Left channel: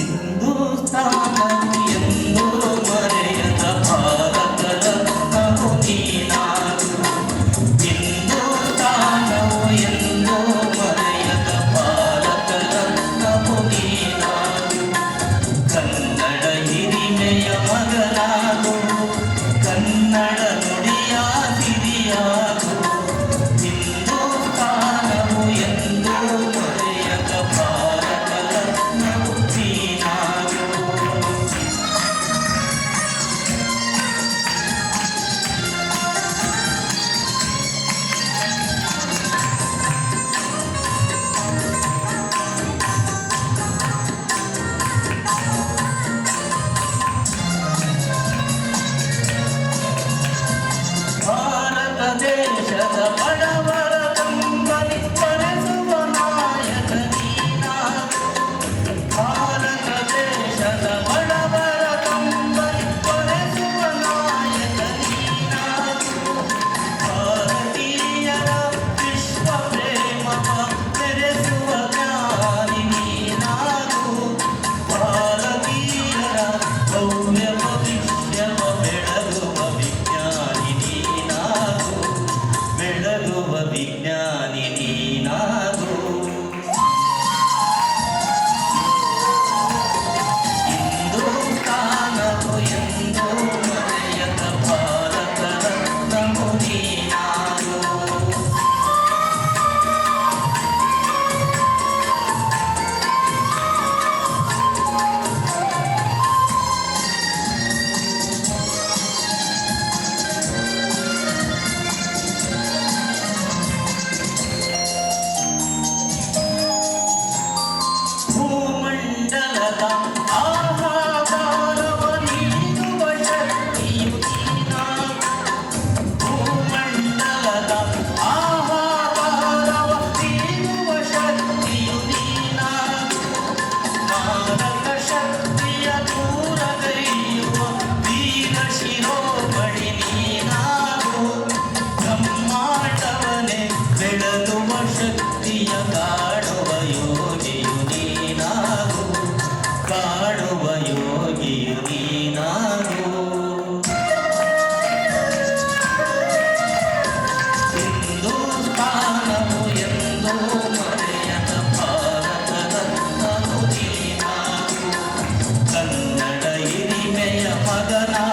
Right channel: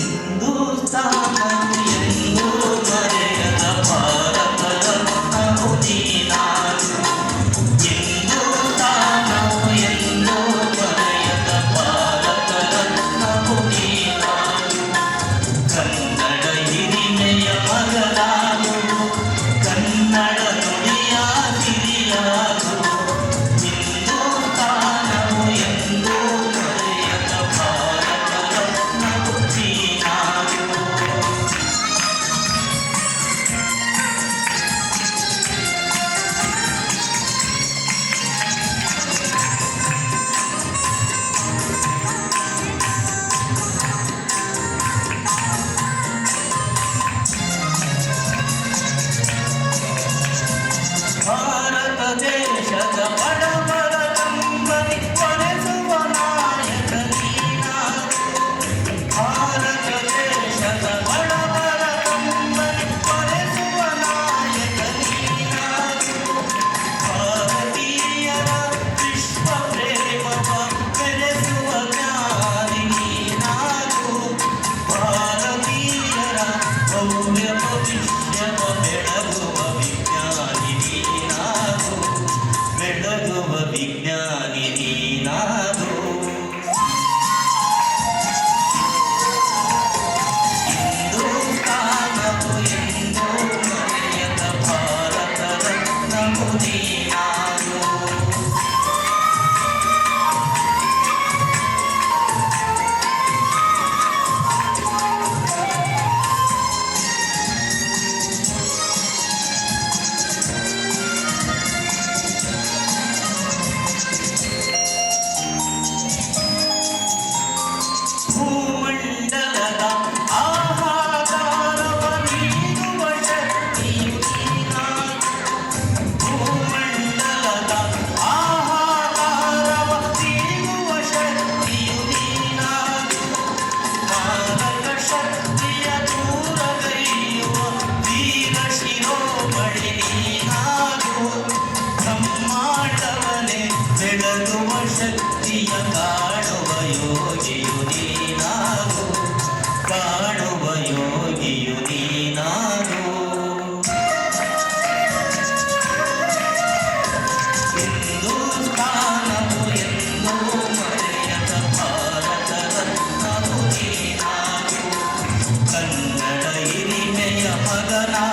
ಹಿಂದೂಸ್ತಾನವು ಎಂದೂ ಮರೆಯದ ಭಾರತ ರತ್ನವು ನೀನಾಗು. ಹಿಂದೂಸ್ತಾನವು ಎಂದೂ ಮರೆಯದ ಭಾರತ ರತ್ನವು ನೀನಾಗು. ಕನ್ನಡ ಹಿರಿಮೆಯ ಮಗನಾಗು, ಕನ್ನಡ ನುಡಿಯ ಹಿರಿಯಾಗು. ಹಿಂದೂಸ್ತಾನವು ಎಂದೂ ಮರೆಯದ ಭಾರತ ರತ್ನವು ನೀನಾಗು. ಭಾರತ ದೇಶದ ಬಡವರ ಕಂಬನಿ ತೊರೆಸುವ ನಾಯಕ ನೀನಾಗು. ಭಾರತ ದೇಶದ ಬಡವರ ಕಂಬನಿ ತೊರೆಸುವ ನಾಯಕ ನೀನಾಗು. ಭಾರತೀಯರ ವಿಶ್ವ ಪ್ರೇಮವ ಬೆಳೆಸುವ ಜ್ಞಾನಿ ನೀನಾಗು. ಭಾರತೀಯರ ಭವ್ಯ ಭವಿಷ್ಯವ ಬೆಳಗುವ ವಿಜ್ಞಾನಿ ನೀನಾಗು. ಬೆಳಗುವ ವಿಜ್ಞಾನಿ ನೀನಾಗು. ಹಿಂದೂಸ್ತಾನವು ಎಂದೂ ಮರೆಯದ ಭಾರತ ರತ್ನವು ನೀನಾಗು. ಭೂಮಂಡಲದ ಆಹಾರವ ನೀಡುವ ಶಕ್ತಿಯು ನೀನಾಗು. ಭೂಮಂಡಲದ ಆಹಾರವ ನೀಡುವ ಶಕ್ತಿಯು ನೀನಾಗು. ಮಾರಕ ಶಕ್ತಿಯ ದೂರಗೈಯುವ ವೀರ ಶಿರೋಮಣಿ ನೀನಾಗು. ಬ್ರಹ್ಮಾಂಡವನೇ ಬೆಳಗುವ ಶಕ್ತಿಯ ಕಾಣುವ ಯೋಗಿಯು ನೀನಾಗು. ಕಾಣುವ ಯೋಗಿಯು ನೀನಾಗು. ಹಿಂದೂಸ್ತಾನವು ಎಂದೂ ಮರೆಯದ ಭಾರತ ರತ್ನವು ನೀನಾಗು. ಕನ್ನಡ ಹಿರಿಮೆಯ ಮಗನಾಗು.